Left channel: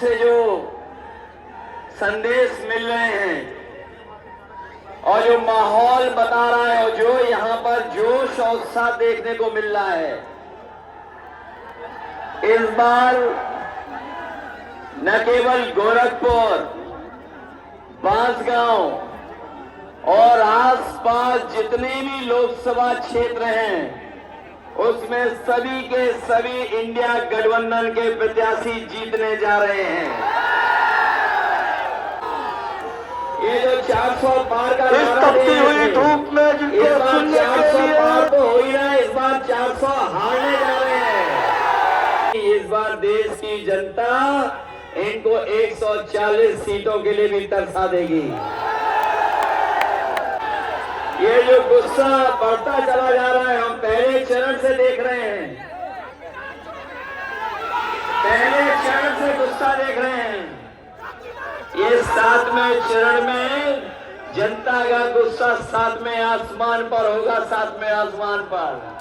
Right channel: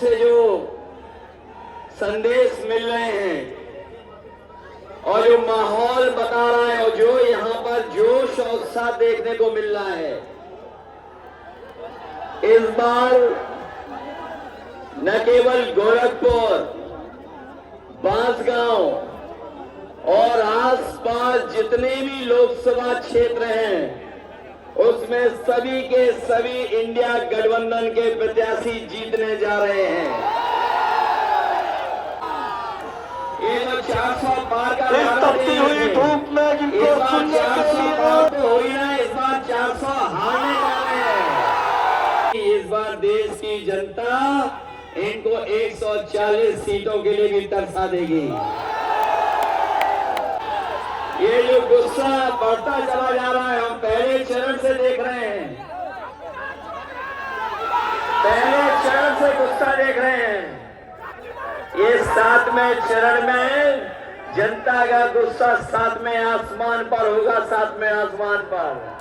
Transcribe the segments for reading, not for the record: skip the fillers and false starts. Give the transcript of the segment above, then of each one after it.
से जो संदेश मिल रहे हैं और जो माहौल बता रहा है और जो यहाँ पर जोश और उत्साह देखने को मिल रहा है, इस बार न केवल गोरखपुर, बांसगांव और आसपास जितने भी लोकसभा क्षेत्र हैं उसमें सभी के सभी इंडिया गठबंधन के प्रत्याशी जीतने जा रहे हैं। ये जो 400 पार का धूप में जिनको इस बार 400 पार तो हो ही रहा है, इस बार 400 हारने जा रहे हैं। इस बार देश की जनता इनको 140 सीटों के लिए भी तरसा देगी। ये जो गुस्सा बढ़ता चला जा रहा है, हम पहले चरण से देख रहे हैं, पहले चरण से गुस्सा देख रहे हैं। ये 7वें चरण में जनता का गुस्सा 7वें आसमान पर होगा, 7वें आसमान पर।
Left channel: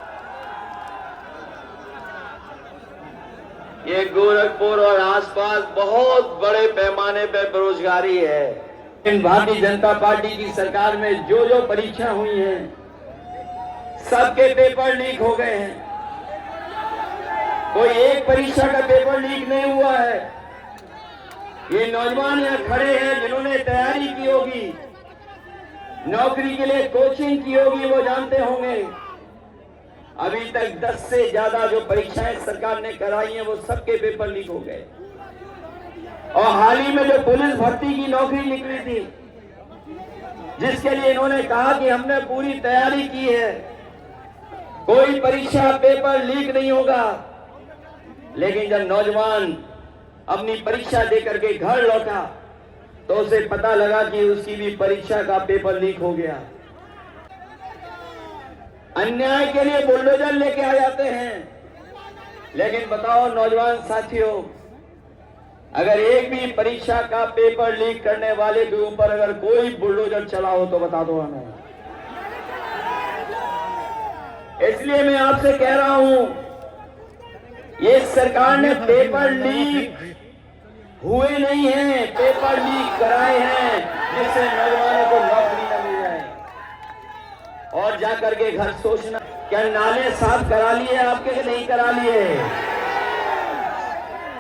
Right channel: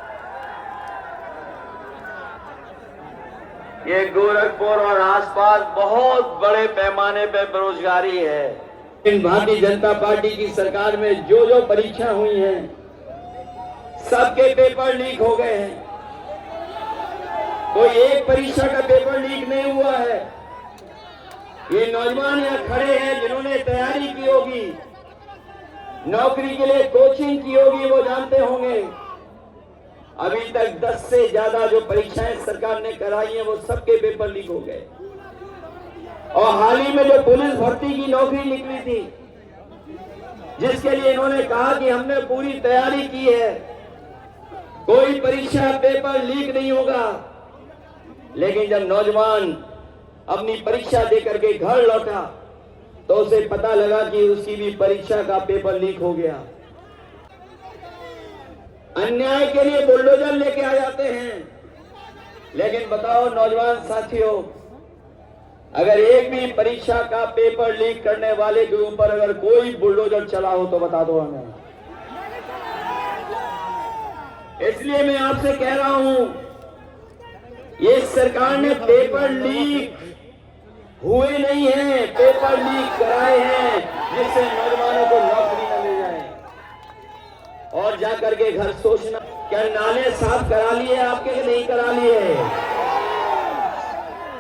ये गोरखपुर और आसपास बहुत बड़े पैमाने पर बेरोजगारी है। इन भारतीय जनता पार्टी की सरकार में जो जो परीक्षा हुई हैं, सबके पेपर लीक हो गए हैं। कोई एक परीक्षा का पेपर लीक नहीं हुआ है। ये नौजवान यहाँ खड़े हैं जिन्होंने तैयारी की होगी, नौकरी के लिए कोचिंग की होगी, वो जानते होंगे अभी तक 10 से ज्यादा जो परीक्षाएं सरकार ने कराई हैं वो सबके पेपर लीक हो गए। और हाल ही में जो पुलिस भर्ती की नौकरी निकली थी, जिसके लिए इन्होंने कहा कि हमने पूरी तैयारी की है, कोई परीक्षा पेपर लीक नहीं होगा, लेकिन जब नौजवान अपनी परीक्षा देकर के घर लौटा तो उसे पता लगा कि उसकी भी परीक्षा का पेपर लीक हो गया। अन्याय के लिए बुलडोजर लेके आ जाते हैं, लेकिन बताओ नौजवान साथियों, अगर एक भी परीक्षा का पेपर लीक करने वाले के ऊपर अगर कोई बुलडोजर चला हो तो बता दो हमें। इसलिए मैं आपसे कह रहा हूं, ये सरकार ने पेपर लीक हुए नहीं हैं, पेपर लीक कराए हैं, जिससे नौजवानों को नौकरी न मिल जाए। और जाकर के घर सोचना, क्या नाले साफ करा लिए आपके कि नहीं करा लिए?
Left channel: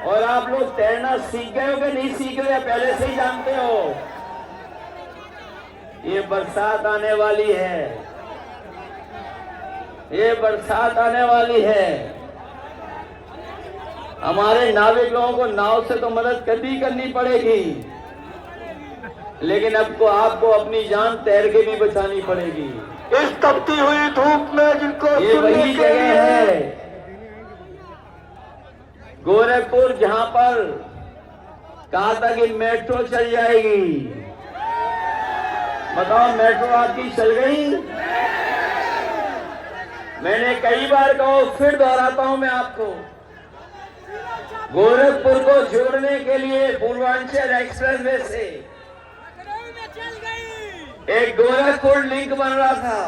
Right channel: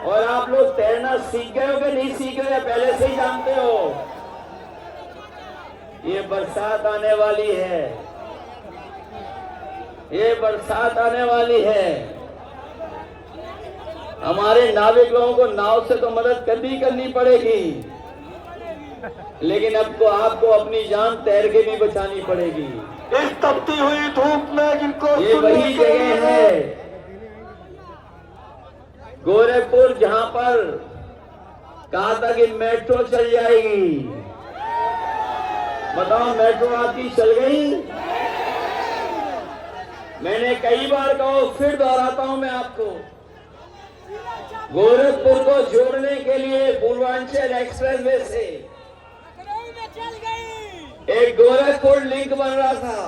और आप लोग तैरना सीख गए हो कि नहीं सीख गए, पहले से ही जानते हो। ये बरसात आने वाली है, ये बरसात आने वाली है। हमारे नाविक लोगों को नाव से तो मदद करनी पड़ेगी, लेकिन अब को आपको अपनी जान तैर के भी बचानी पड़ेगी। इस तपती हुई धूप में जिनको ये वही जगह है गोरखपुर जहां पर कहा था कि मेट्रो चल जाएगी। बताओ मेट्रो आपकी चल गई? मैंने कई बार कहा, फिर दोहराता हूं मैं आपको, गोरखपुर को जोड़ने के लिए पूर्वांचल एक्सप्रेसवे से एक गोरखपुर लिंक बन रहा था।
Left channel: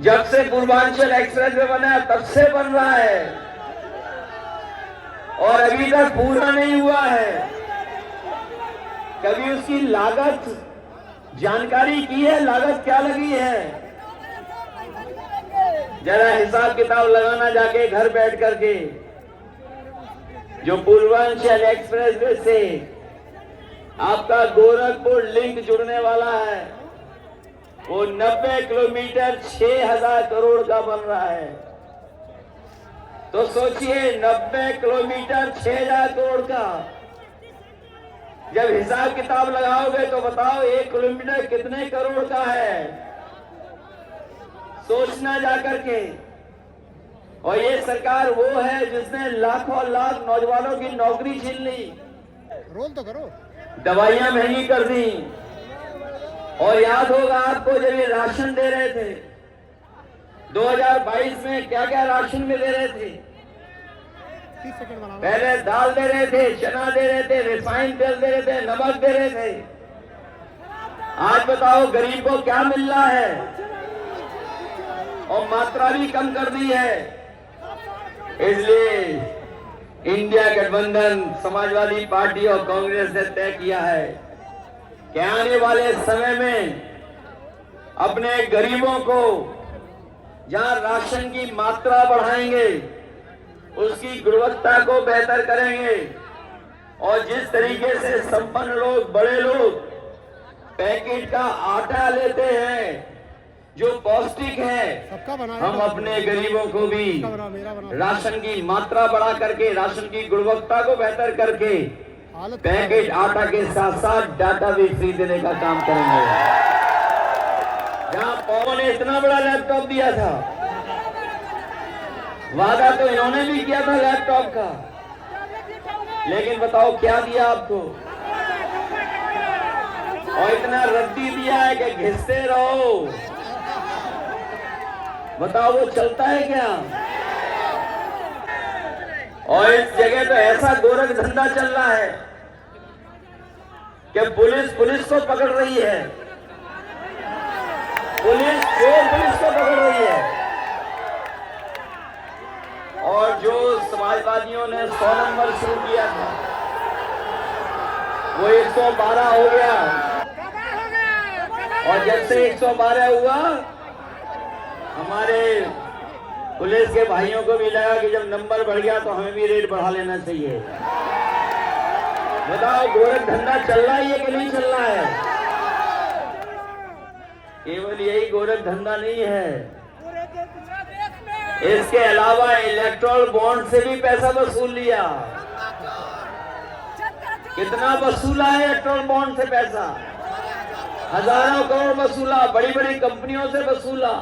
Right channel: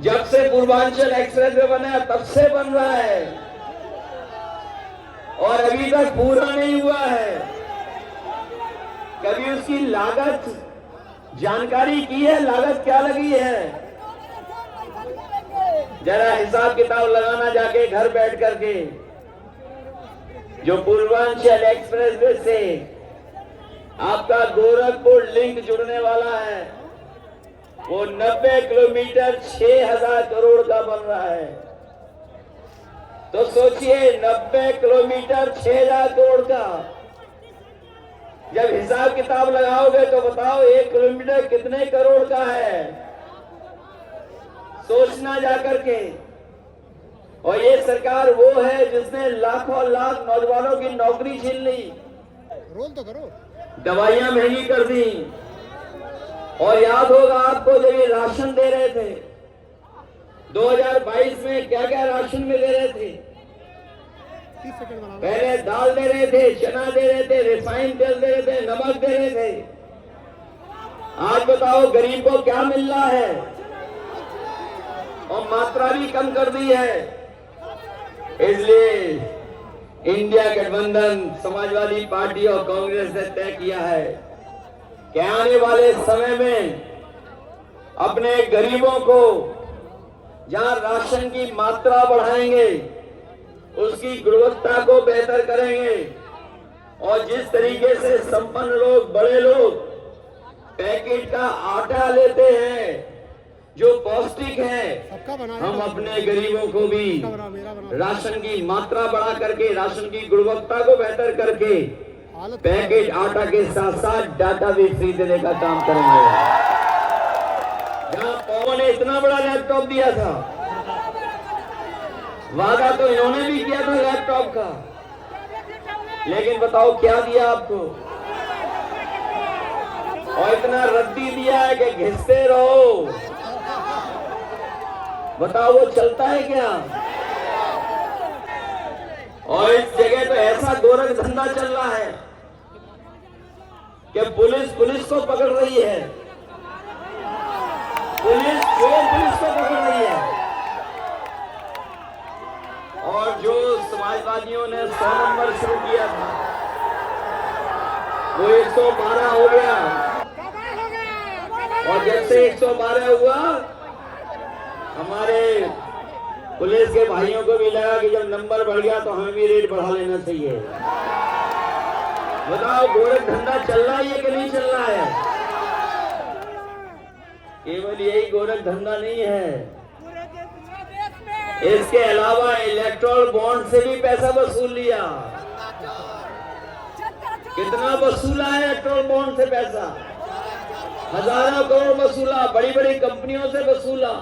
जब से पूर्वांचल एक्सप्रेसवे बना तब से बन रहा है और अभी तक पूरा नहीं हुआ है। कभी उसकी लागत जानकारी की है? लागत क्या लगी है? जरा हिसाब किताब लगाना जाके घर बैठ करके। जो पूर्वांचल एक्सप्रेसवे से आपका गोरखपुर लिंक जुड़ने वाला है, वो 90 किलोमीटर 6000 करोड़ का बन रहा है। तो सोचिए 90 किलोमीटर 6000 करोड़ का, जब हिसाब किताब लगाओगे तो बताओ 1 किलोमीटर कितने करोड़ का है? सोचना जाकर के। और ये सरकार वो है जिसने लाखों लाख नौजवानों की नौकरी छीन ली, रोल तो करो, दवाइयां महंगी कर दी। और याद होगा आपको जब ये राशन दे रहे थे 2022 में, क्या क्या राशन में दे रहे थे? पहले दाल दे रहे थे, चना दे रहे थे, रिफाइंड तेल दे रहे थे, नमक दे रहे थे। आज बताओ गरीब को क्या मिल रहा है? और मात्रा भी कम कर दी है। इसलिए इंडिया गठबंधन समाजवादी पार्टी और कांग्रेस ने तय किया है कि आने वाले समय में अपने गरीबों को जहां राशन की मात्रा बढ़ाएंगे, उसकी गुणवत्ता को बेहतर करेंगे और जिस तरीके से संपन्न लोग, बड़े लोग पैकेट का आटा लेते हैं जो पौष्टिक है, हम अपने गरीबों को भी राशन की मात्रा बढ़ा करके, राशन की गुणवत्ता को बेहतर करके पैकेट आटा के साथ साथ डाटा भी फ्री देने का काम करेंगे। जहां पवन ने इतना बड़ा लैपटॉप दिया था, वादा तो इन्होंने भी किया था लैपटॉप का, लेकिन बताओ क्या दिया आपको? और इतना रद्दी दिया है कि घिसते रहो। बताओ वो चलता है क्या? और इस जगह तो ऐसा गोरख धंधा चल रहा है कि पुलिस को पकड़ रही है, पुलिस को पकड़ रही है। और जो समाजवादियों ने 100 नंबर शुरू किया था वो 112 हो गया, और जब से 112 हुआ हमारे पुलिस के भाइयों को भी लगा कि जब नंबर बढ़ गया तो हमें भी रेट बढ़ा लेना चाहिए। बताओ गोरख धंधा चल रहा है कि नहीं चल रहा है? केवल यही गोरख धंधा नहीं है, इसके अलावा इलेक्ट्रल बॉन्ड से भी पैसा वसूल लिया। कितना वसूला है इलेक्ट्रल बॉन्ड से पैसा? हजारों करोड़ वसूला, बड़ी बड़ी कंपनियों से वसूला,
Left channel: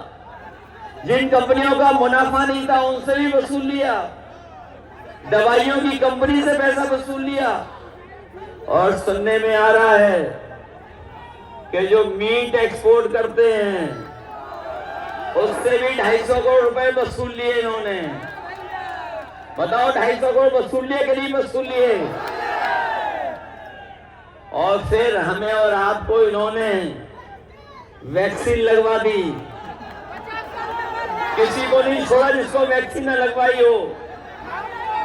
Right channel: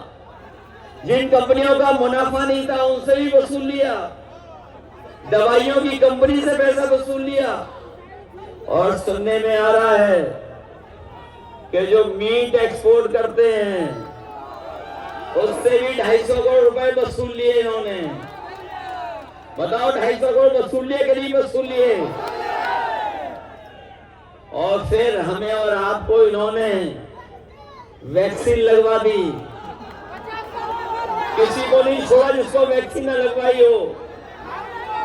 जिन कंपनियों का मुनाफा नहीं था उनसे भी वसूल लिया, दवाइयों की कंपनी से पैसा वसूल लिया। और सुनने में आ रहा है कि जो मीट एक्सपोर्ट करते हैं उससे भी 250 करोड़ रुपए वसूल लिए इन्होंने। बताओ 250 करोड़ वसूल लिए कि नहीं वसूल लिए? और फिर हमें और आपको इन्होंने वैक्सीन लगवा दी। किसी को नहीं छोड़ा जिसको वैक्सीन न लगवाई हो।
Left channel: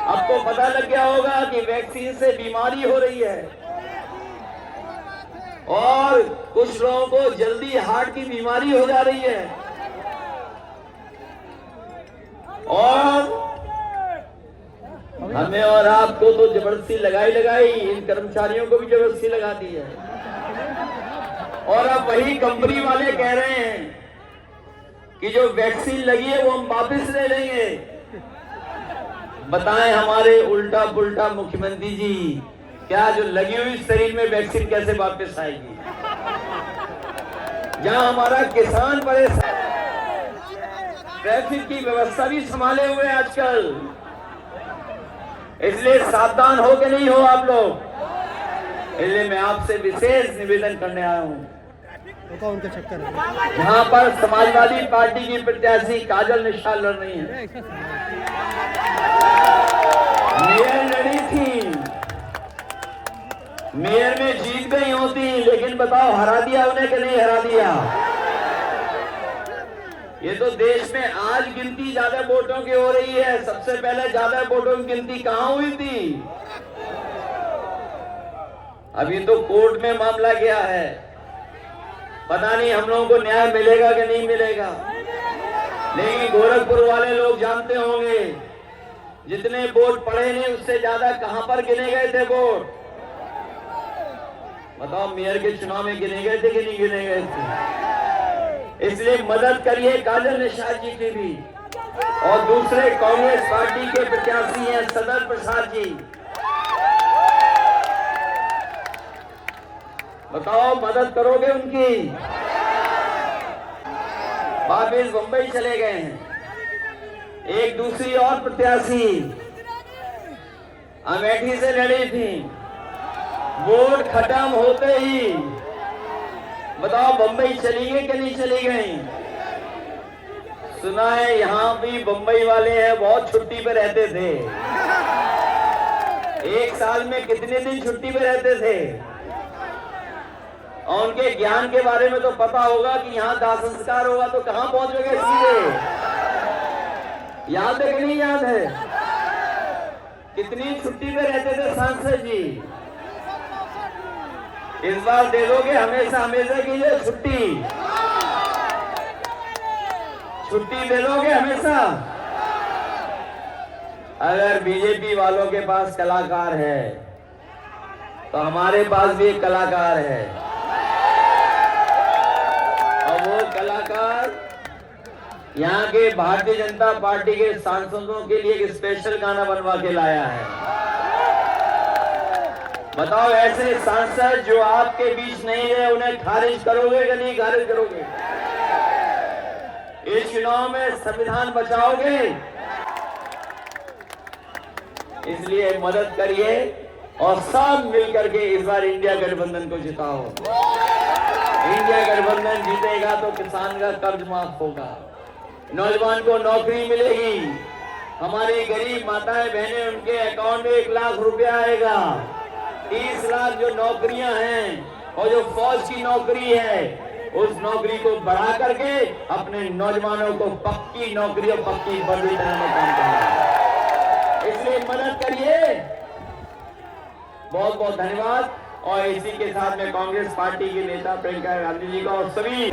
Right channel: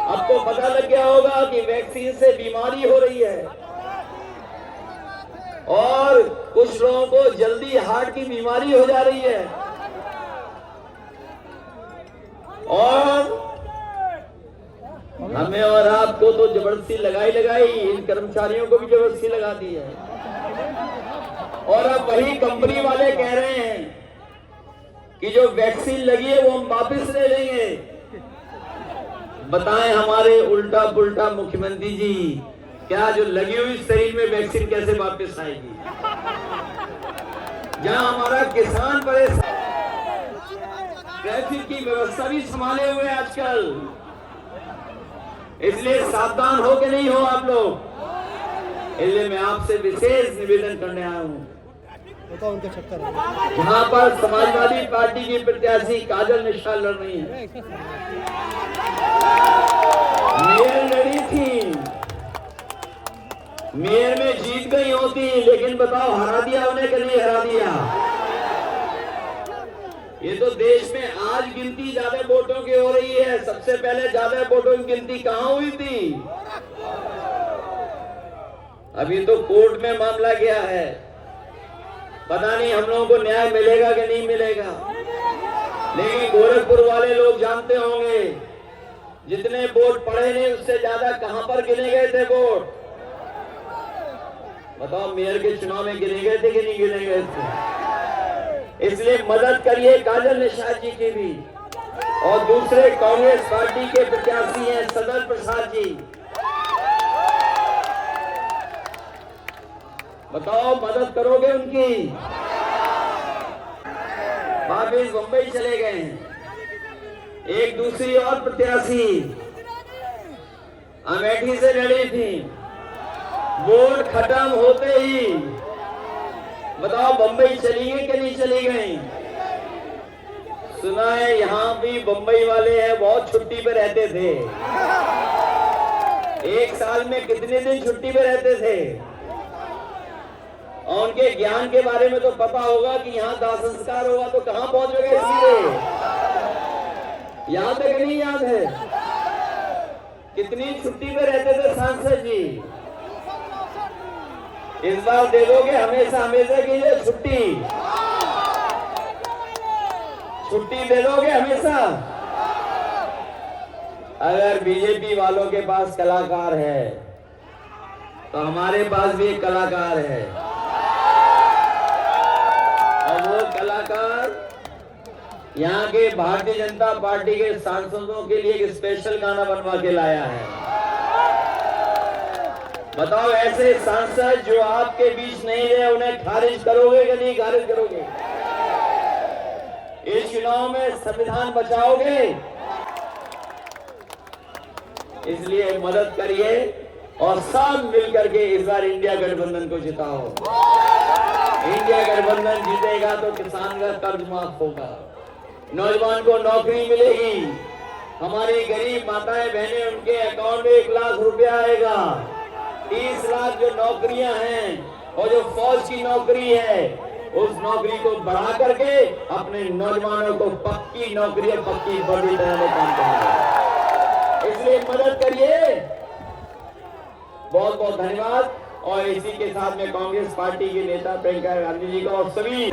आपको पता लग गया होगा कि वैक्सीन से बीमारी हो रही है, और कुछ लोगों को जल्दी हार्ट की बीमारी हो जा रही है। और हमें और आपको तो जबरदस्ती लगाई, इन कर्मचारियों को भी जबरदस्ती लगा दी है। और अब वही कंपनी वाले कह रहे हैं कि जो वैक्सीन लगी है वो हम वापस ले लेंगे। बताएं हमारे उल्टा पुल्टा मुख्यमंत्री जी, क्या जो लगी हुई शरीर में वैक्सीन कैसे वापस आएगी? जहां हमारा किसान परेशान, ट्रैफिक की व्यवस्था भी संभाले हुए आजकल, इसलिए सावधान हो के नहीं हो आप लोग। इसलिए मैं आपसे विशेष निवेदन करने आया हूं। यहाँ पर समाजवादी पार्टी की प्रत्याशी काजल निशाल लड़ रही है, मेयर लड़ी थी, मेयर में जीत गई होती, लेकिन बताओ हरा दिया उन्हें कि नहीं हरा दिया? ये तो देश में आज गिनती ज्यादा वोटों की हो रही है, सबसे पहले ज्यादा वोटों की गिनती कहां हुई थी? अभी तो कोर्ट में मामला गया है, पता नहीं हम लोगों को न्याय मिलेगा कि नहीं मिलेगा। लेकिन गोरखपुर वाले लोग जानते होंगे जितने वोट पड़े नहीं उससे ज्यादा कहां पर गिने गए थे वोट? बताओ मेयर के चुनाव में गिने गए थे कि नहीं गिने गए थे? इसलिए मदद करिए काजल निशाल जी की भी। और दूसरे कांग्रेस पार्टी के प्रत्याशी हैं सदर प्रसाद जी, बताओ मदद करोगे उनकी? वापिस मुंबई चले गए हैं। एक दूसरी और प्रत्याशी अमेठी से लड़ी थी, वोट खत्म होते ही बताओ बंबई चली गई कि नहीं चली गई? सुना है यहाँ भी बंबई वाले हैं, बहुत छुट्टी पे रहते थे। एक साल में कितने दिन छुट्टी पे रहते थे? और उनके ज्ञान के बारे में तो पता होगा कि यहाँ दाह संस्कार होगा तो कहाँ पहुंच गए सीधे? याद है कि नहीं याद है? कितनी छुट्टी पे रहते थे सांसद जी? इस बार दे दोगे हमेशा हमेशा के लिए छुट्टी दे दोगे हमेशा? अगर बीजेपी वालों के पास कलाकार है तो हमारे पास भी एक कलाकार है, और वो कलाकार यहाँ के भारतीय जनता पार्टी के सांसदों के लिए एक स्पेशल गाना बनवा के लाया है। बताओ, ऐसे सांसद जो आपके बीच नहीं रहे उन्हें खारिज करोगे कि नहीं खारिज करोगे? इस चुनाव में संविधान बचाओगे? इसलिए मदद करिए और सब मिलकर के इस बार इंडिया गठबंधन को जिताओ। इंडिया गठबंधन जीतेगा तो किसान का कर्ज माफ होगा, नौजवान को नौकरी मिलेगी, हमारी गरीब माताएं बहनें उनके अकाउंट में 1 लाख रुपया आएगा, 30 लाख जो नौकरियां हैं और जो फौज की नौकरी है उस नौकरी को बढ़ा करके अपने नौजवानों को पक्की नौकरी और पक्की वर्दी देने में काम करना। इसलिए मदद करिए। बहुत बहुत धन्यवाद। और इसी के साथ में कांग्रेस पार्टी के नेता प्रियंका गांधी जी का और सभी